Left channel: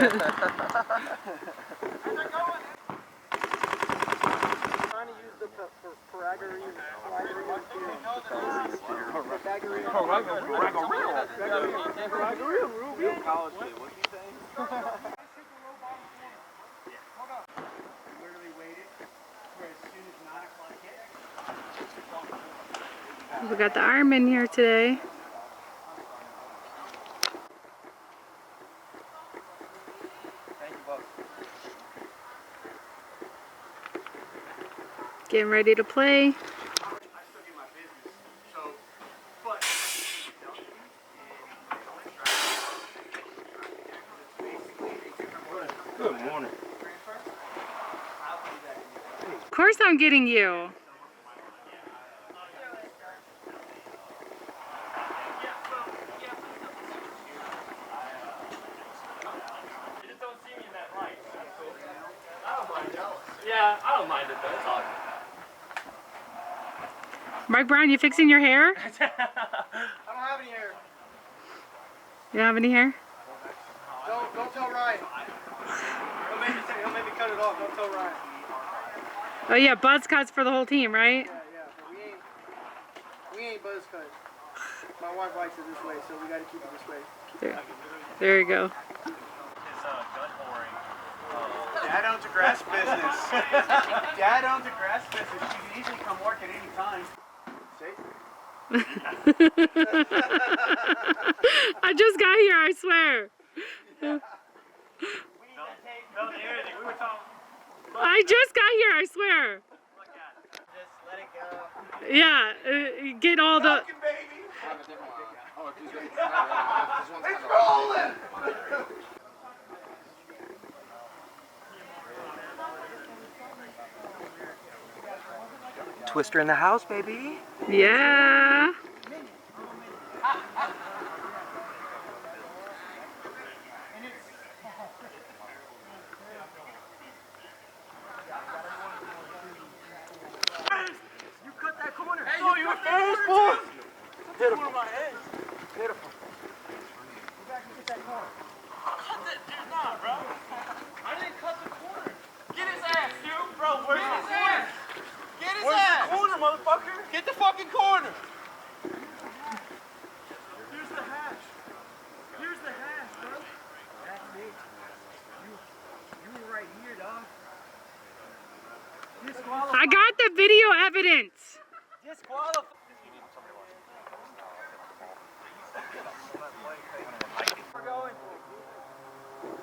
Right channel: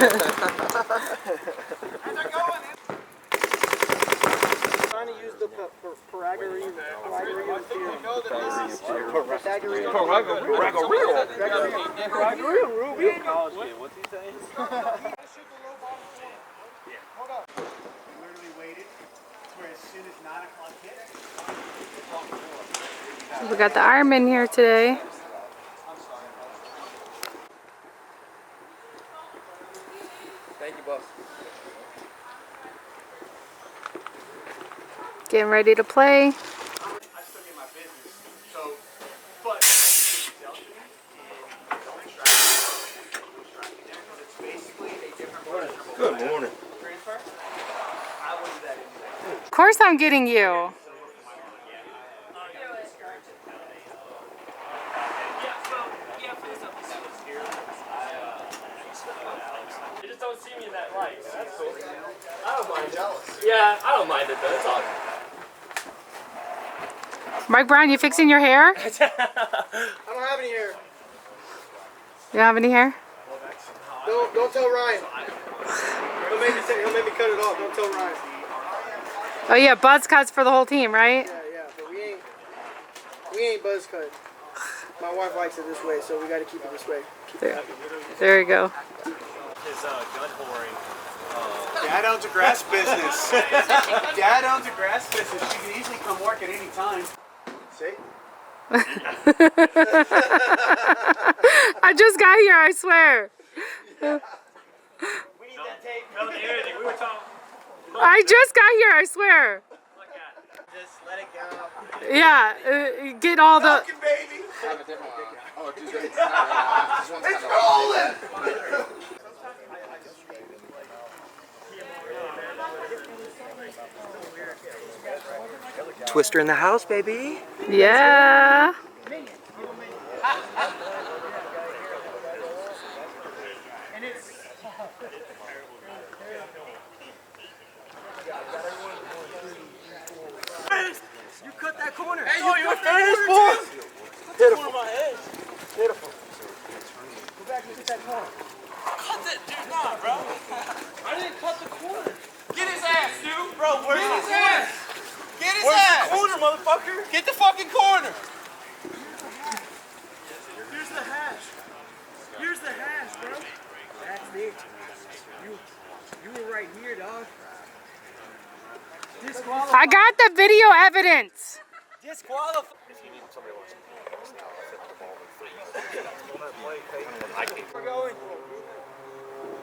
Trying to use the Pythagorean theorem. Pythagorean Ruby. College kid, what's he saying? Hold up. Literally waited for as soon as 9 o'clock hit. We got the Ironmen here today. Thank you, boss. Getting ready to play. I still get my business, so, but dealt to me, and don't distract me there, because it's basically a different version of Good morning. transfer. I will do that anyway. Of course I'm getting you. You just don't see me in that light. That's cool. I don't mind. Yeah, I don't mind it though. It's all. Mike Brown, you fixing your hair? I don't have any hair. You don't have any hair? Don't tell Ryan. He'll make me cut it off. Don't tell Ryan. Oh yeah, buzz cuts for the whole team, right? Yeah, but we ain't buzz cut. My wife likes it this way, so we got to keep it this way. There you go. His gun whoring. Dad owns a grass business. Dad owns a grass business. You can easily come work at any time. See? I just got here, I swear. We need that tape. We were talking. I just got here, I swear. Just let it go. Yeah, get all the... Talking, baby. Oh, dude, it's not right. This one's It's kind of rolling. Twister in the house, baby. Yeah. You cut that corner. Hey, you cut that corner, Beautiful. Beautiful. Cut that dude, nah, bro. I didn't cut the corner. Get his ass, dude. Bro, where's his ass? Get his ass. The corner, motherfucker? Get the fucking corner. Here's the hash. Here's the hash, bro. That's it. You were right here, dog. Disqualified. I got the video evidence. Disqualified. We're going.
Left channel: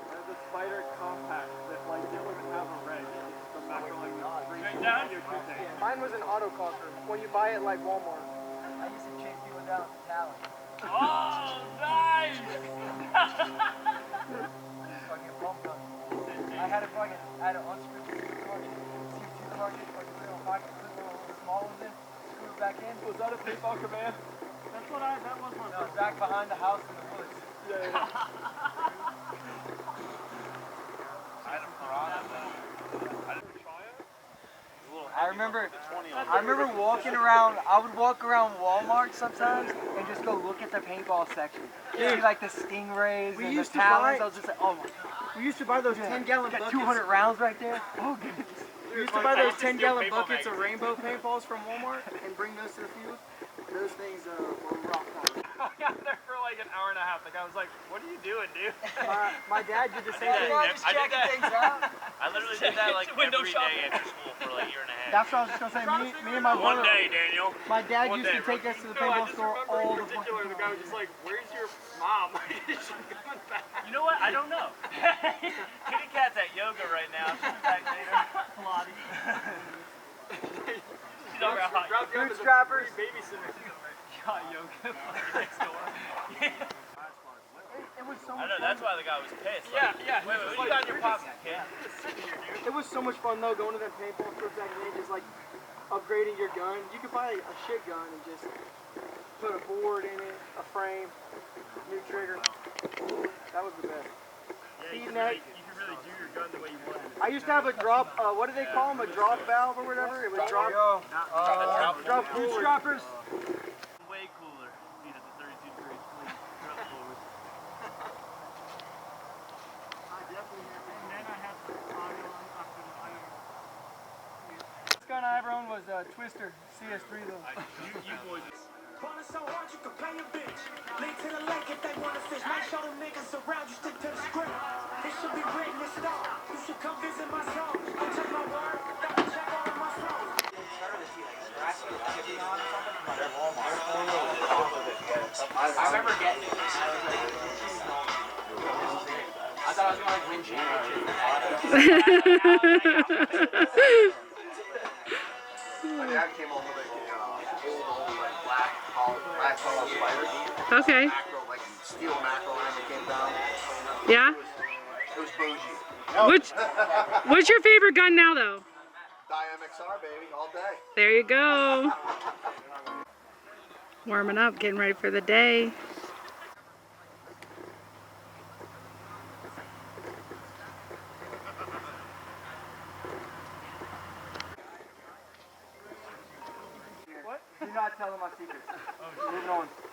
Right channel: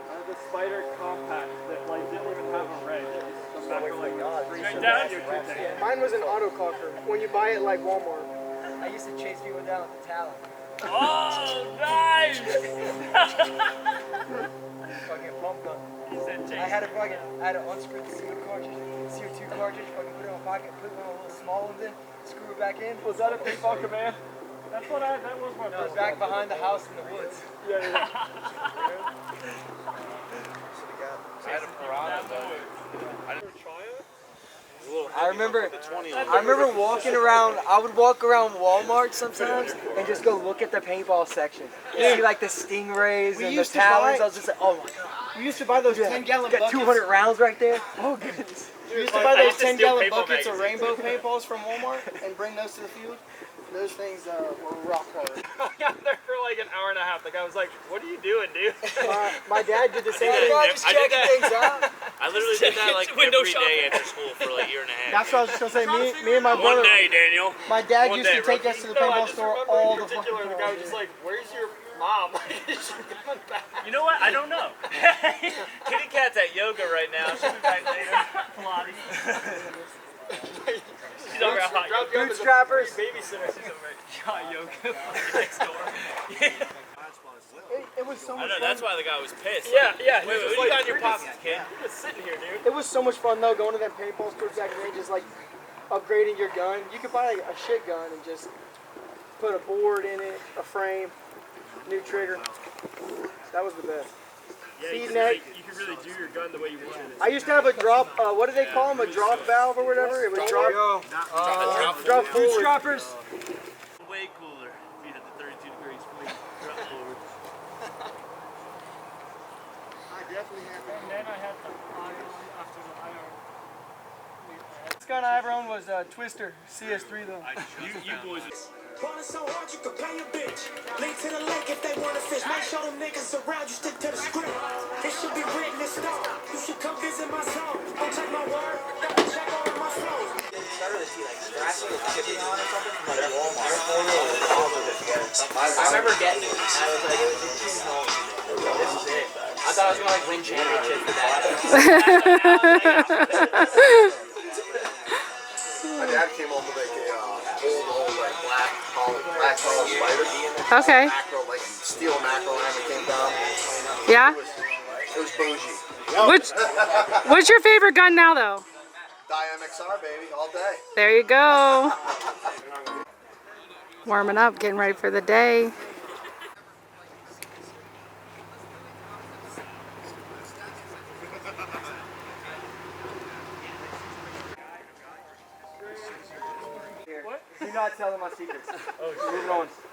I have the Spider Compact that like didn't even have a red. Down your Mine was an autococker. When you buy it like Walmart. I used to chase people down with the talent. Oh, nice! Fucking pump gun. I had an unscrewed CO2 cartridge, fucking put it in my pocket, put it in a little small one, then screw it back in. Was that a paintball command? That's what that was my It was first back behind the house in the woods. I remember walking around. I would walk around Walmart sometimes and just go look at the paintball section. See like the stingrays We and used the to buy- talons. I was just like, oh my god. We used to buy those 10-gallon Got buckets. 200 rounds right there. Oh goodness. We used to buy those 10-gallon buckets of rainbow paintballs from Walmart and bring those to the field. Those things were rock hard. I got there for like an hour and a half. Like I was like, "What are you doing, dude?" My dad did the same thing. Just checking things out. I literally did that like Window every shopping. day after school for like a year and a half. That's what I was just gonna say. Me and my brother. One day, Daniel. My dad One used day, to take us to the No, I paintball just store remember all in the fucking particular, the guy was time. just like, "Where's your mom?" She's coming back. You know what? I don't know. Kitty Cat's at yoga right now. She'll be back later. She's over at hot yoga. Bootstrappers. Babysitter. She's over at hot yoga next door. It was so I much know, fun. that's why the guy was pissed. Yeah. He Wait, was what just do you got like, in your pockets, kid? You're just sitting here, dude. It was so much fun though, going to them paintball stores back then, just like upgrading your gun. You could buy like, a shit gun and just put a board in it, a frame, new trigger. That was the best. Yeah, Speed you neck. could really do your gun the way you wanted it. I used to have a drop. What do they call them? A drop valve or whatever. It would drop. Drop forward. Bootstrappers. Way cooler if you had the 32 degree split. Drop forward. definitely happy. And then I had the iron after the iron. This gun I ever owned was Twister CS3 though. You boys. Ballin' so hard you can pay a bitch. Lead to the lake if they wanna fish. Make sure them niggas around you stick to the script. It should be written in stone. You should come visit my zone. Don't check my word, double check all of my flows. Started to see like scratching or chipping on or something from like Walmart. I remember getting it, and I was like, this is it. I thought I was gonna like win championships with that. My dad came home with like a old like black collar spider. Okay. Macro, like steel macro hammer came down. Yeah. It was bougie. What's your favorite gun now, though? MXR baby, all day. There you go. Warming up, getting ready for the day. Do not tell them my secrets.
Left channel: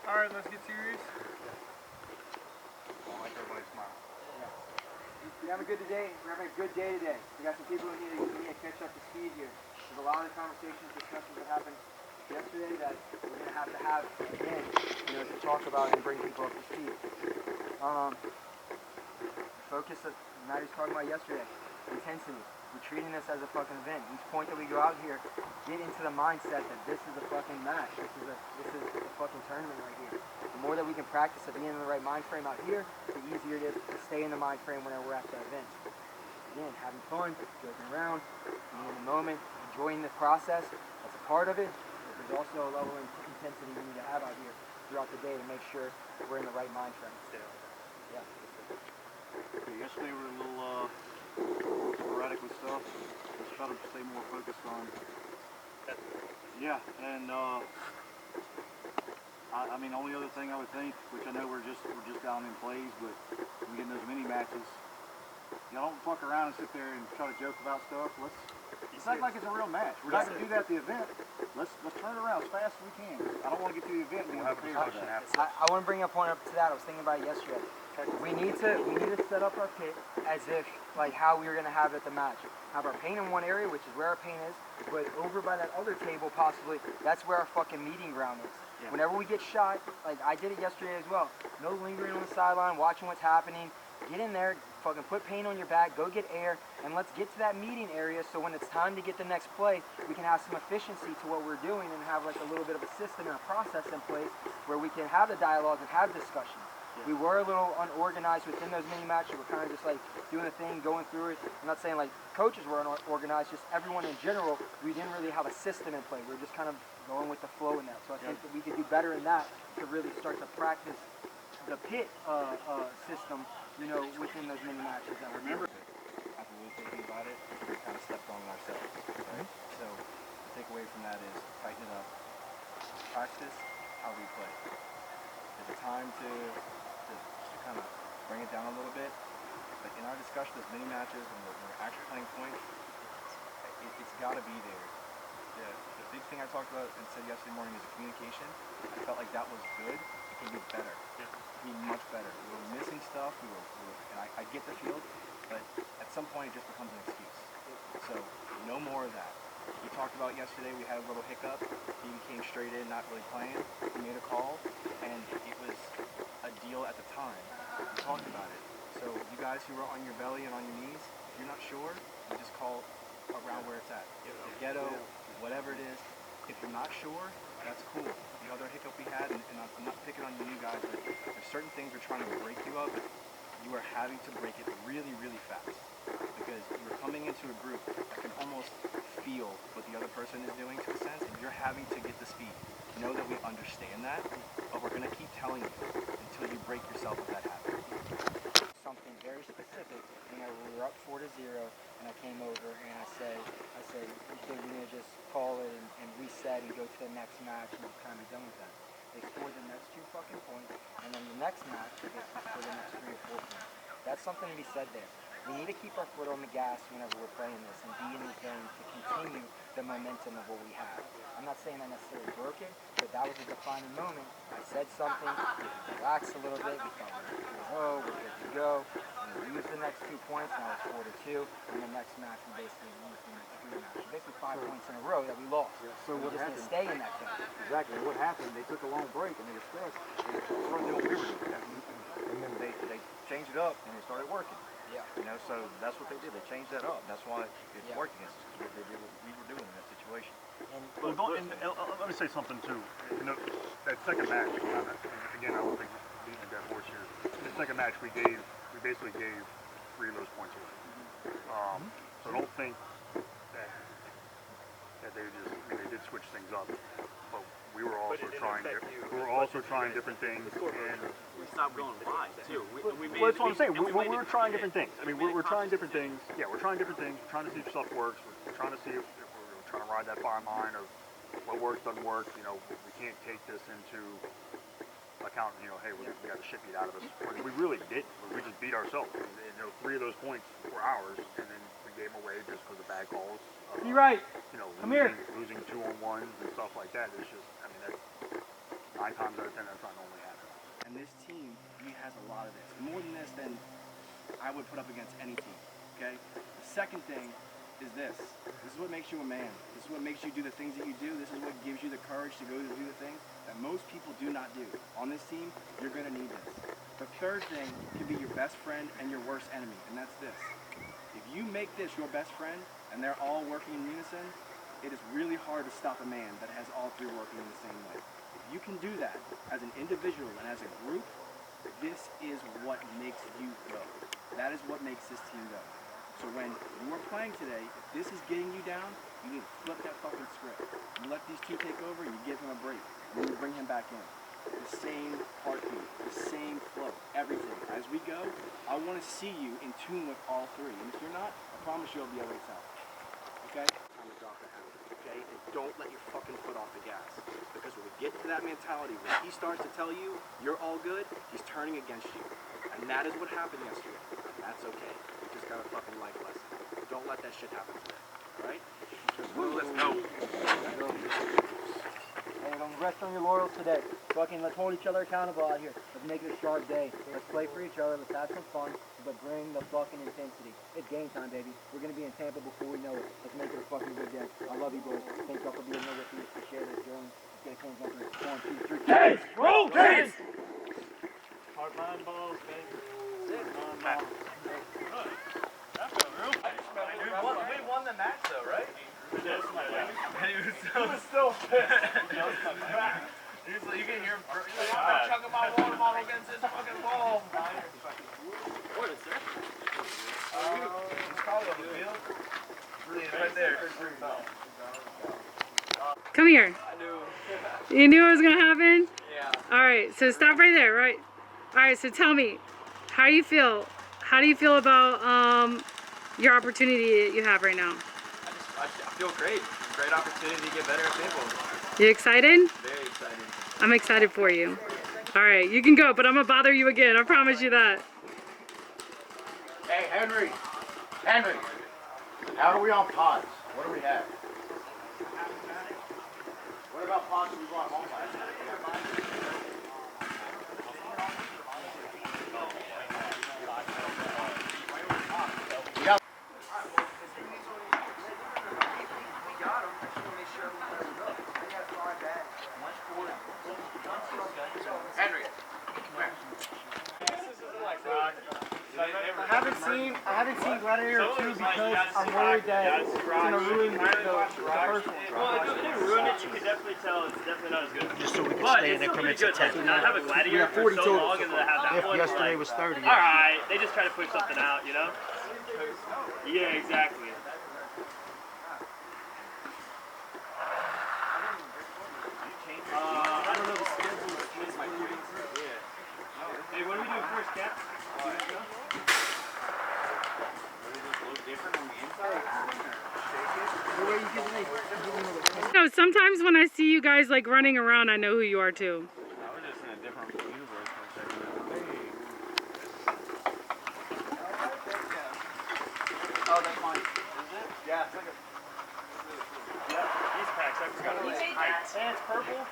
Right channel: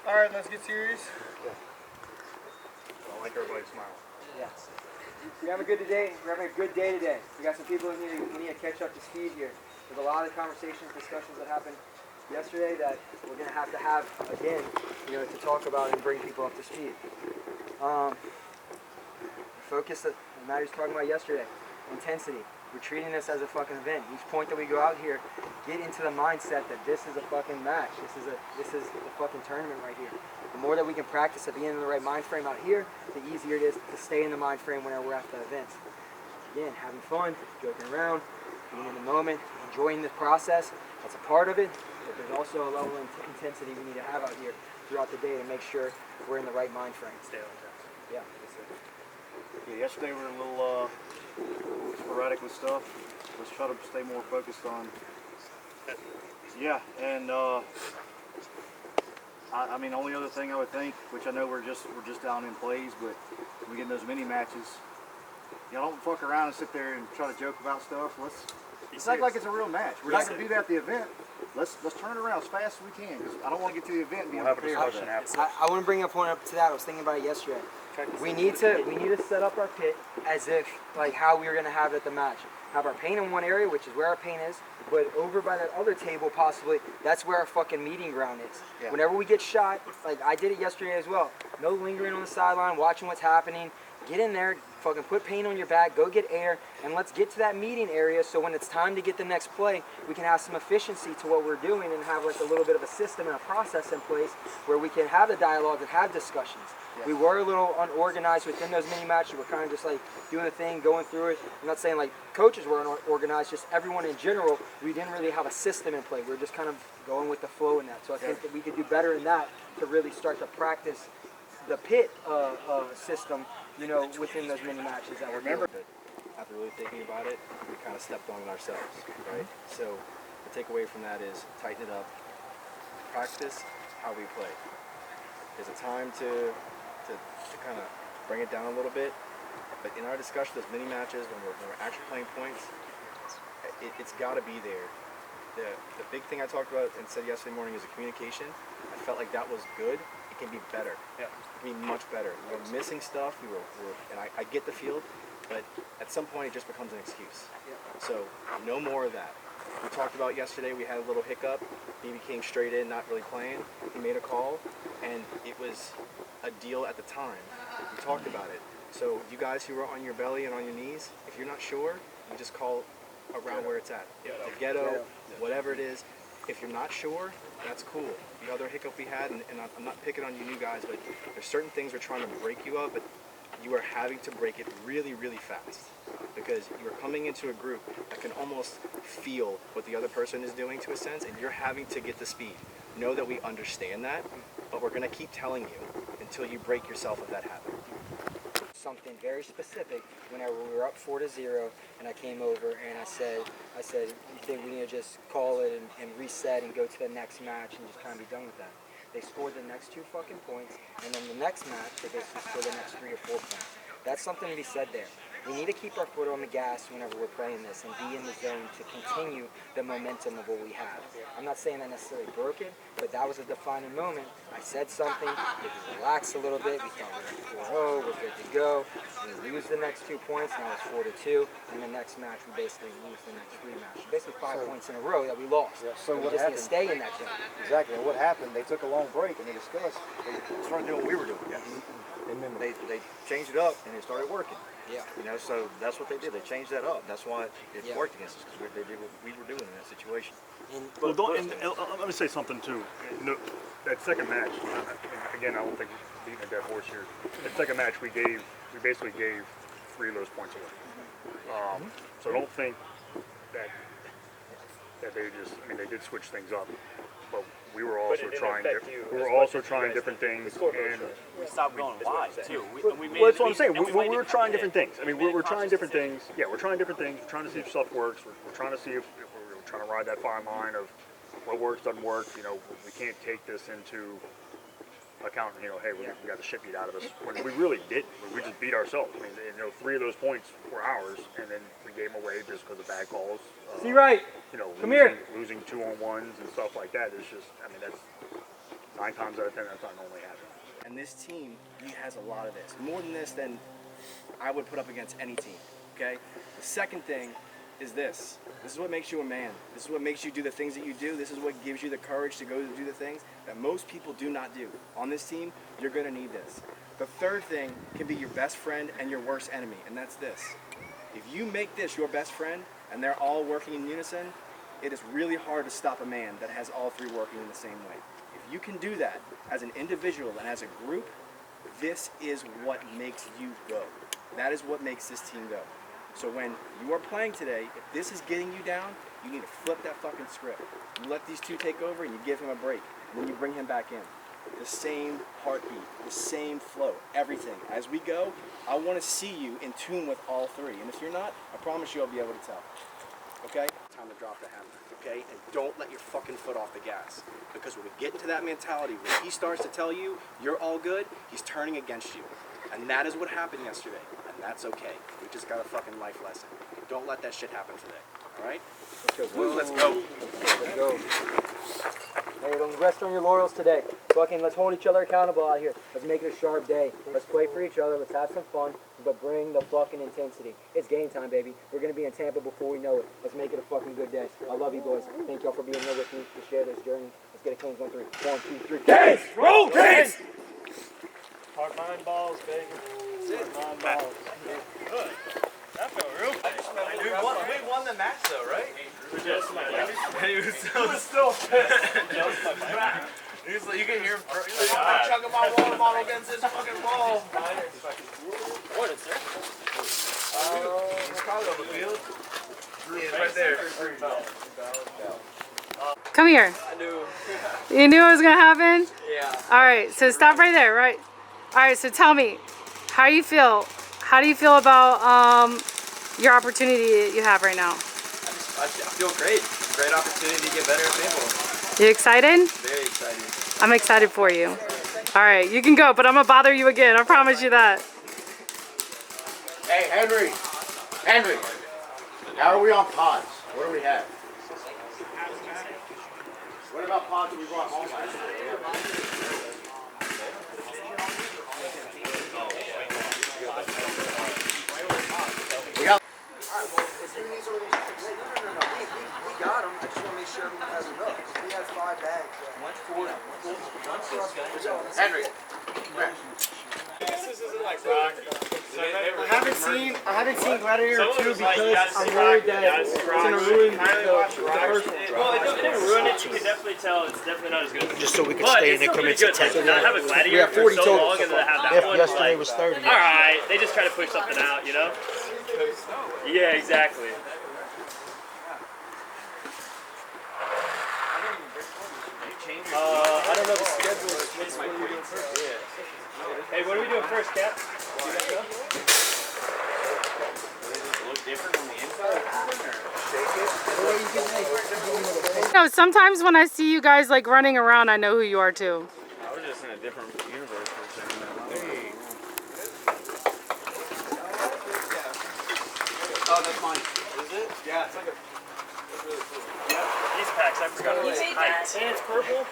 All right, let's get serious. I like everybody smiles. Yes. We're having a good day. We're having a good day today. We got some people who need to catch up to speed here. There's a lot of conversations, discussions that happened yesterday that we're going to have again, to talk about and bring people up to speed. Focus that Matt was talking about yesterday. Intensity. We're treating this as a fucking event. Each point that we go out here, get into the mindset that this is a fucking match. This is a fucking tournament right here. The more that we can practice at being in the right mind frame out here, the easier it is to stay in the mind frame whenever we're at the events. Again, having fun, joking around, being in the moment, enjoying the process. That's a part of it, but there's also a level of intensity we need to have out here throughout the day to make sure we're in the right mind frame. Yeah. Yesterday we were a little sporadic with stuff. Let's try to stay more focused on. Yeah, and I mean, only other thing I would think, which I know we're just down in plays, but we get in those mini matches. Don't fuck around and sit there and try to joke about stuff. Let's act like it's a real match. We're not gonna do that at the event. Let's turn it around as fast as we can. 'Cause I don't want to get to the event and be unprepared. I want to bring up one up to that. I was thinking about it yesterday. We need to set up our pit as if like how we were gonna have it at the match. Have our paint in one area, which is where our paint is, but over by that other table, possibly that's where our fucking meeting ground is. Yeah. Whenever we get shot, like I did it yesterday as well. No lingering on the sideline, watching what's happening. Get in there, fucking put paint on your back, go get air, and let's get to that meeting area so when it's time to get the next play, we can have some efficiency to what we're doing and have like a little bit of a system and a process in place where we can have the dialogue and have discussions. Yeah. We were a little unorganized within those mini matches. We're kind of just like doing the thing, going through it. I'm not saying like coaches were unorganized, just everyone in general, we didn't really have a system in play. We were just kind of going with the flow in that. So I think that we could do better in that to really start to practice the pit system, within those mini matches that we're Remember, after really thinking about it, we kind of stepped on it ourselves, right? So the takeaway from that is tighten it up, practice how we play. There's a time to kind of bring it down a little bit, but in our discussion, those mini matches, when we're actually playing points, it's got to be there. The big thing I talked about and said yesterday morning is the communication. I felt like that was good. It can be better. Yeah. It can be much better. We were missing stuff. And I get the field, but at some point it just becomes an excuse. So no more of that. We talked about yesterday. We had a little hiccup. He came straight in, not really playing. He made a call, and it was a deal at the time. We talked about it. So you guys who are on your belly and on your knees, if you're not sure, you just call around where it's at. The ghetto, whatever it is. If you're not sure, that's cool. The other hiccup we had, and I'm not picking on you new guys, but there's certain things we're trying to break you of, but you are having to break it really, really fast. Because you're coming into a group that can almost feel what the other person is doing to a sense, and you're having to get the speed. Know that we understand that, but we're going to keep telling you until you break yourself of that habit. Something very specific whenever we were up 4-0 and I came over and I said, you think we need to just call it and reset and go to the next match and just kind of be done with that. They scored the next 2 fucking points, and then the next match, they basically scored the next 3 or 4 points. That's something to be said there. We need to keep our foot on the gas whenever we're playing this and be in the zone to continue the momentum of what we have. I'm not saying that necessarily broke it, but that was a defining moment. I said something, we relaxed a little bit, we thought we were 4-0, we're good to go. We lose the next 2 points, now it's 4-2, and the next match we basically lose the next 3 matches. Basically 5 points in a row that we lost. Yeah, so we what just need happened? to stay in that zone. Exactly. And what happened? They took a long break and they discussed. They started doing what we were doing. And then they changed it up and it started working. Yeah. You know, so that's what they did. They changed that up. That's why it worked against us, because they did what we were doing in that situation. Well, let me say something too. You know, that second match, again, I don't think beating a dead horse here. That second match, we basically gave 3 of those points away. So I don't think that they just, I mean, they did switch things up, but we were also trying different things, and We stopped going wide too. We made well, that's what I'm saying. We were trying different things. I mean, we're trying different things. Yeah, we're trying different things. We're trying to see if stuff works. We're trying to see if we're trying to ride that fine line of what works, doesn't work. You know, we can't take this into account. You know, hey, we got the shit beat out of us. We really didn't. We just beat ourselves. I mean, you know, 3 of those points were ours, and then we gave them away just because of bad calls. See right. You know, losing 2-on-1s and stuff like that. It's just, I mean, that's 9 times out of 10, that's not normally happening. And this team, he has a lot of this. More than this than I would put up against any team, okay? The second thing is this. This is what makes you a man. This is what makes you do the things that you do. This is what gives you the courage to go to do the things that most people do not do. On this team, you're gonna need this. The third thing can be your best friend and your worst enemy, and that's this. If you make this your best friend, and they're all working in unison, it is really hard to stop a man that has all 3 working in the same way. If you can do that as an individual and as a group, this is what makes you go. That is what makes this team go. So when you are playing today, if this is getting you down, you need to flip that fucking script. You let these 2 take over and you give him a break. And then you bring him back in. The same heartbeat, the same flow, everything. As we go, I want to see you in tune with all 3. And if you're not, I promise you I'll be able to tell. Okay? Time to drop the hammer. Okay? And don't let your fucking foot off the gas. Because when we get into that mentality, when he starts to tell you you're all good, he's turning against you. And that is what happened yesterday. And that's okay. We just got a fucking life lesson. Don't let that shit happen today. Alright? Let's go. Let's go. Hey, don't rest on your laurels today. Fucking, let's hold each other accountable out here. Let's make it a sharp day. Let's play for each other. Let's have some fun. But bring the fucking intensity. It's game time, baby. We're going to be in Tampa before we know it. Let's make it a fucking good day. I love you, boys. Thank y'all for being here with me to share this journey. Let's get a clean 1, 3. 1, 2, 3. Dance! Roll! Dance! Hard mind balls, baby. Hard mind balls. Good. That felt real nice. We won the match though, right? Yes. He was still pissed. He's like, you can hear him. He's like, I'm chugging my water bottle against this fucking wall. What is there? He's probably on the field. He's right there. Come here. I knew. You knew it was gonna happen? Yeah. All right, so stop right there, right? All right, so tell me, how do you feel? How do you feel about your opportunity that you have right now? I feel great. Great opportunity to get better at paintball. You excited? Very excited. I'm excited for you. All right, you can go, but I'm gonna bother you again. I promise you that. Hey, Henry. Henry. How are we on pods? What do we have? What about pods that we brought home last night? We got. We got them. I just want to make sure everyone has enough. We have 5 bags. Henry. I haven't seen Gladiator 2 because I'm worried that it's going to ruin the first one. Well, it doesn't ruin it. You can definitely tell it's definitely not as good. Just so we can But stay it's in still pretty increments good. of 10. Like, to have a gladiator We have for 40 so total. long and then have that If one, yesterday like, was 30. all right, they just try to push something out, you know? Yeah, exactly. I don't know the schedule. What are we doing first? Hey, what are we doing first, Cap? You guys go? Look different on the inside? No, sometimes when I see you guys like running around, I know who you are too. I was just in a different universe for a second. Yeah, it's like a. Yeah, these packs, I forgot about it. And it's purple.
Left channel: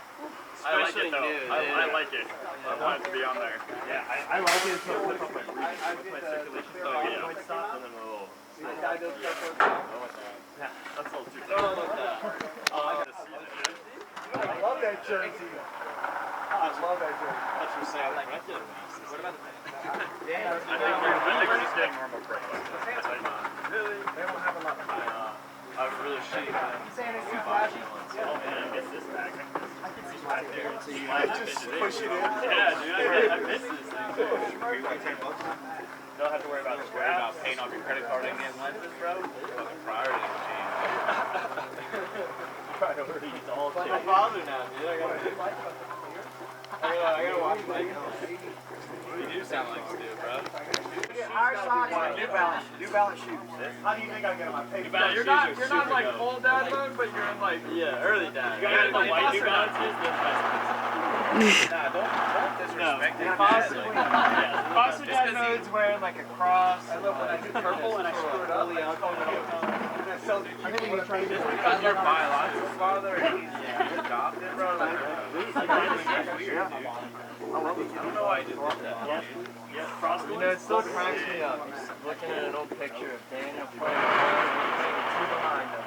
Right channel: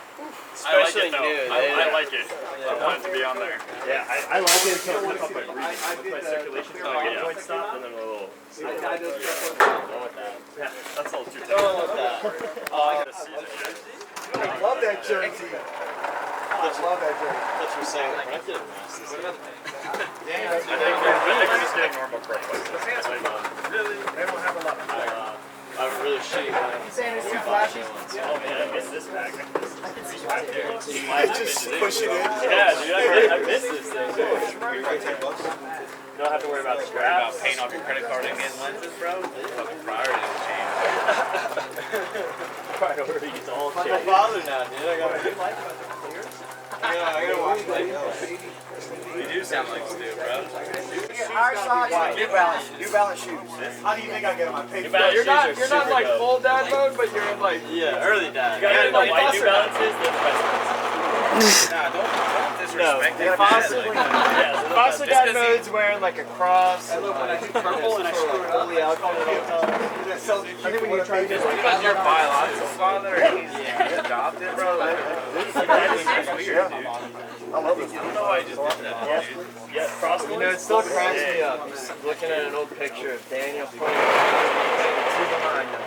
Especially new. I like it. I want it to be on there. Yeah, I like it until it cuts off my breathing. Once my circulation point stops, and then a little. I don't want that. Yeah, that's a little too thick. Don't want that. I love that jersey. I love that jersey. That's for sale. I did a mask this year. Damn. I think we're just getting normal prices. Really? They don't have a lot. I have a really shitty one. Saying it's too flashy. Oh man, I miss this pack. I miss this pack here. I just push it in. Yeah, dude, I miss this thing. Don't have to worry about scraps. Paint off your credit card and get lenses, bro. Priorities all I'm like change. a father now, dude. I gotta watch my They do sound like Stu, bro. New Balance shoes. How do you think I get on my paper? You're not like full dad mode, but you're in like Early dad. you gotta get the white New Balances, then the rest of Nah, don't No, disrespect Foster dad mode's wearing like a cross. purple and I screw it Fully out all the time. Because your biological father and he's adopted, bro. It's weird, dude. I love this. I don't know why I just did that. Yeah, cross. You know, it still cracks me up. Looking at an old picture of Daniel putting two behind him.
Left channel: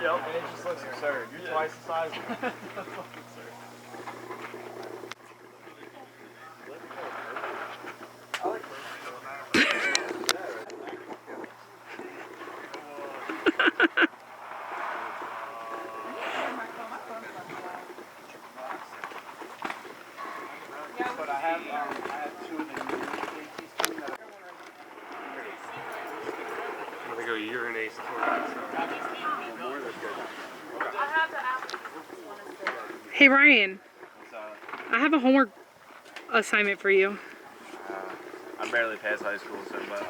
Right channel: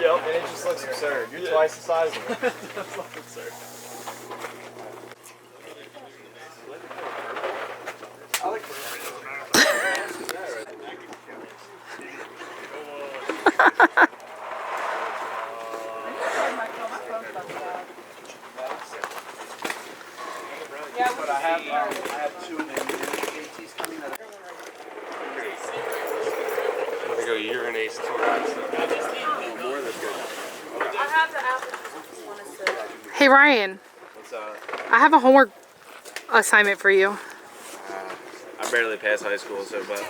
Yep. And it just looks absurd. You're twice the size of him. That's not absurd. But I have two of the ATs coming out. I'm gonna go urinate for that stuff. I have to ask. Hey Ryan, I have a homework assignment for you. I barely passed high school, so but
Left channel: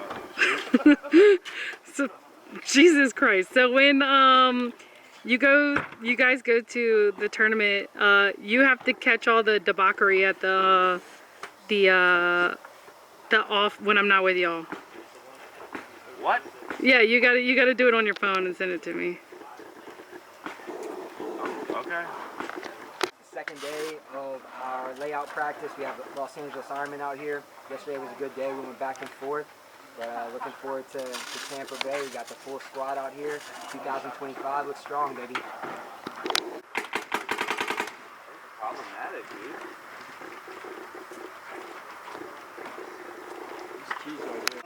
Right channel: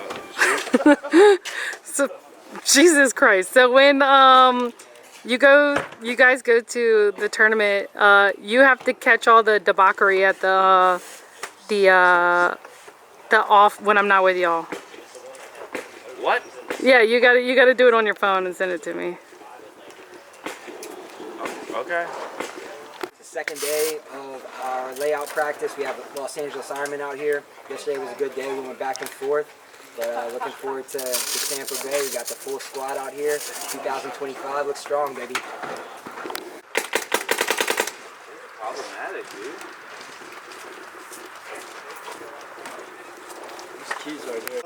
So, Jesus Christ. So when you guys go to the tournament, you have to catch all the debauchery at the off when I'm not with y'all. what? Yeah, you gotta do it on your phone and send it to me. Okay. The second day of our layout practice. We have Los Angeles Ironmen out here. Yesterday was a good day. We went back and forth. But looking forward to Tampa Bay. We got the full squad out here. 2025 looks strong, baby. Problematic, dude. These keys right here.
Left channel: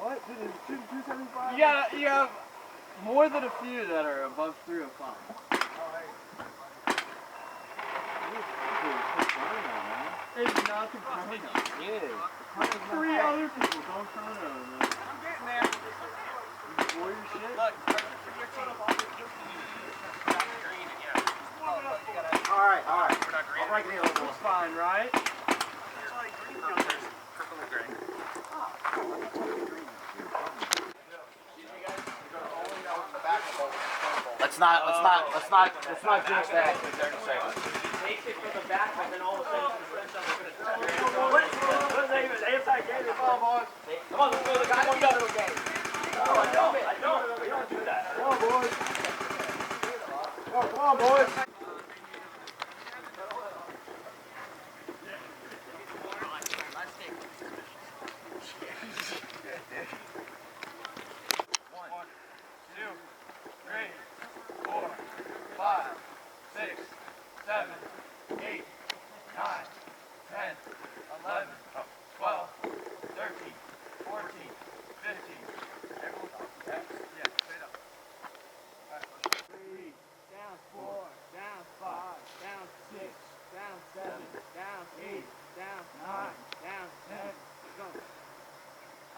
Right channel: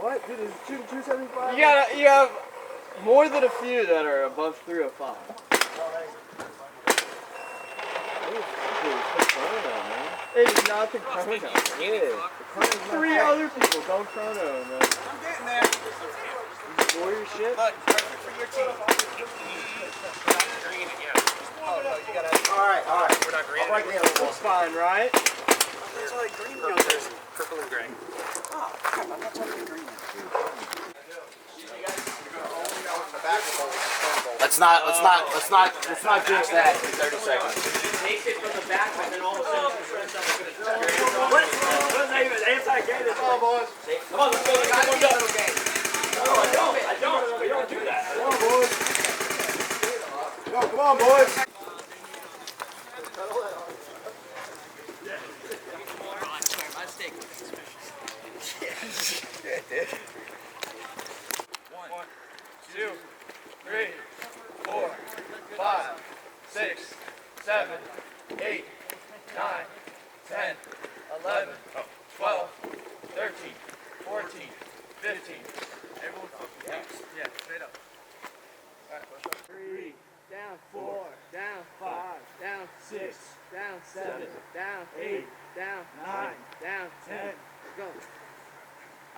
What? Dude, is it 275? You have more than a few that are above 305. It's not the chrono. Yeah. 3 other people don't chrono, man. I'm getting there. You score your shit? Alright. I'll break it in a little more. It's fine, right? There's only green. No, there's purple and gray. Let's not jinx that. 30 seconds. Takes it from the back and then all of a sudden What is that even? Anti-gay? Come on, boys. Come on, let's go. I don't do that. Come on, boys. No, come on, boys.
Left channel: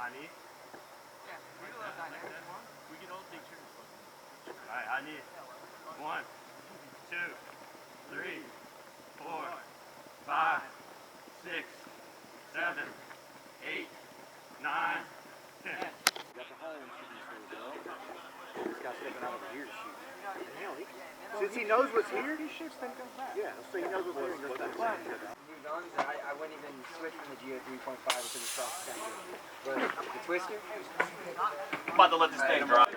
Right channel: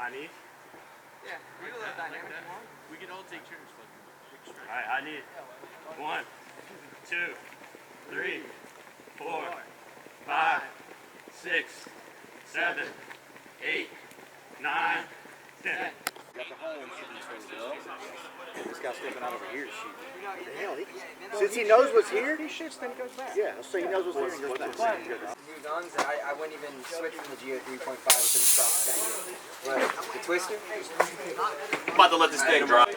I need? Yeah, we can let dynamic one. We can all take turns. Alright, I need 1, 2, 3, 4, 5, 6, 7, 8, 9, 10. to home shooting this way, this guy's stepping out over here to shoot. The hell, since he knows what's here, he shoots, then goes back. Yeah, so he knows what's here and goes back. New guns, and I wouldn't even switch from the Geo 3.5 because it's soft that good. But the Twister, I'm about to let this thing drop.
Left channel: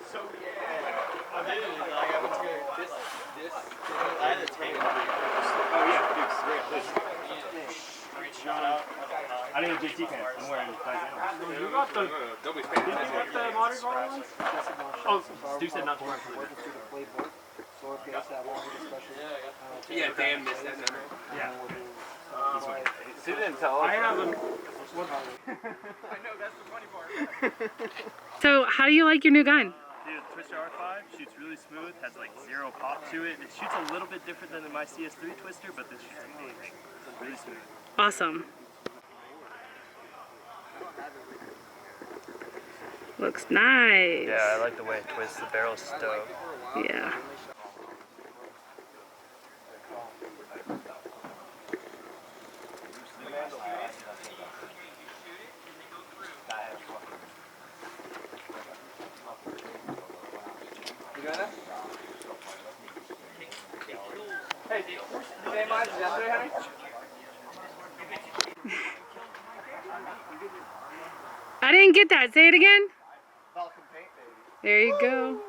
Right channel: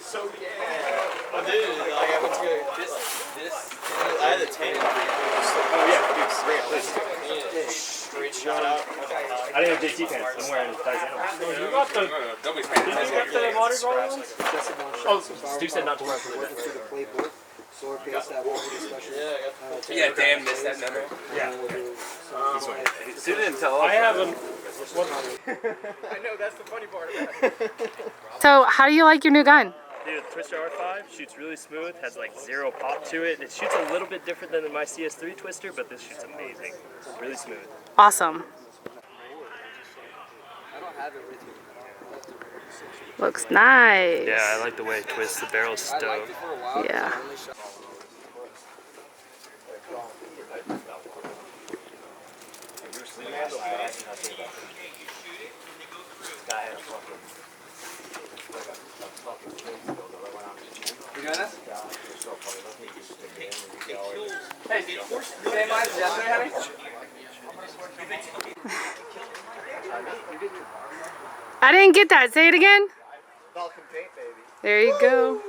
So yeah, I did. Like I went to this. I had a tan. Oh yeah, dude, Straight shot out. I didn't have JT pants. I'm wearing dice animals. You got the. Nobody's Did you get the Mardi Gras ones? Oh, Stu said not to wear for the working through the playbook, slower pace, that longer discussion. Yeah, damn, missed that memo. Yeah. Stu didn't tell us. I have them. I know, that's the funny part about it. So how do you like your new gun? Dude, Twister R5 shoots really smooth, has like zero pop to it. It shoots a little bit different than my CS3 Twister, but this shoots amazing. Really smooth. Awesome. Looks nice. Yeah, I like the way it twists. The barrel's stoked. Yeah. You doing this? Hey, same eyes as yesterday, honey? I didn't get that. Say it again. Welcome paint, baby. There you go.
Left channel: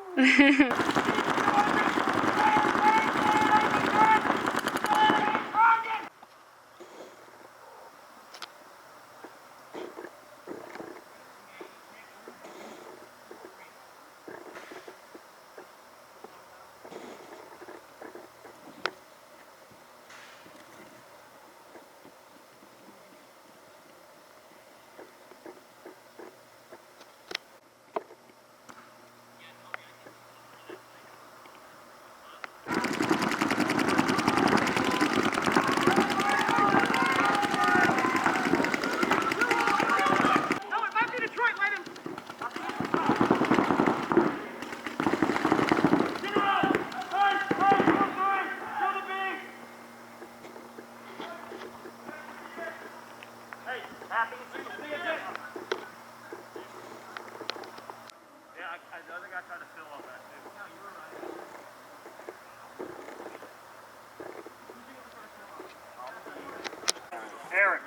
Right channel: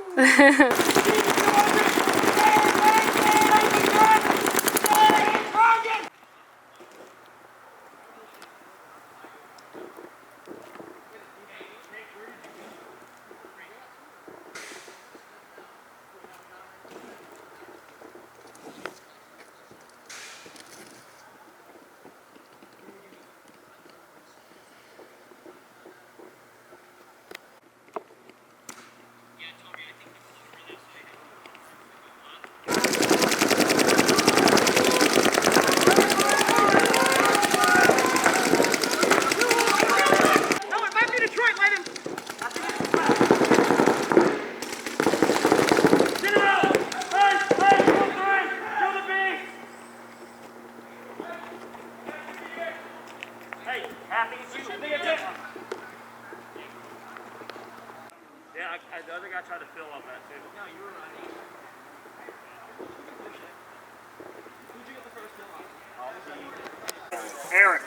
Eric.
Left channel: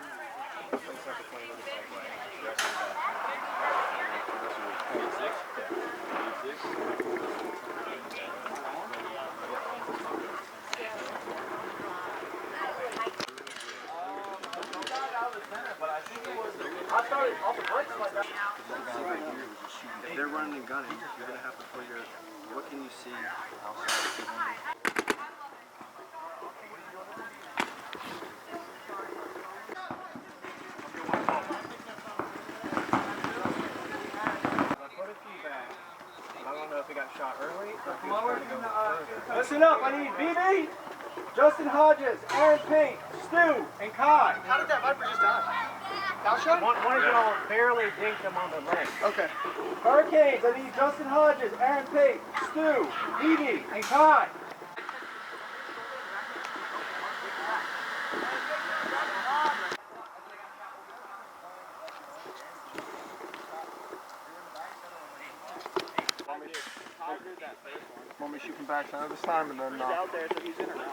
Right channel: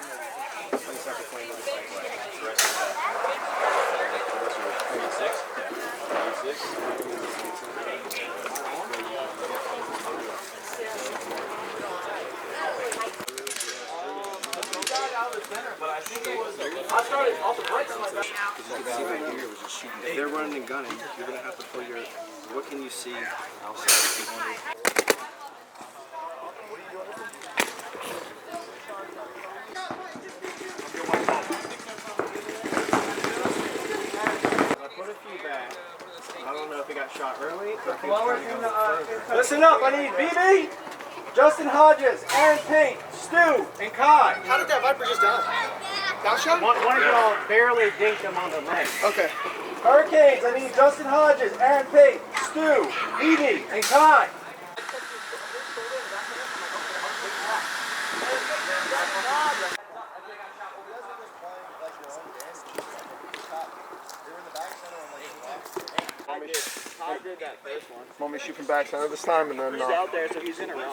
If they're running and gunning, you're gonna have to put your. What can you see outside of 200? I don't know if it got shot early or if he was trying to go further. Listen up, I need BB, Justin Hodges, Aaron Payne, Stu, and Kai. How did that Viper just die? Got shot? One of y'all barely dinked him on the leg. Okay. Hurricanes, I need Justin Hodges, Aaron Payne, Stu, BB, and Kai. I did that first one. Want me to shoot from backside this time and then. He's out there, so he's in a run.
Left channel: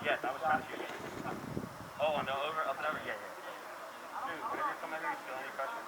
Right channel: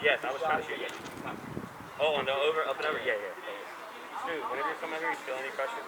Yes, I was trying to shoot you. Oh, no, over, up and over? Yeah, yeah. Dude, whenever you come out here, you feel any pressure?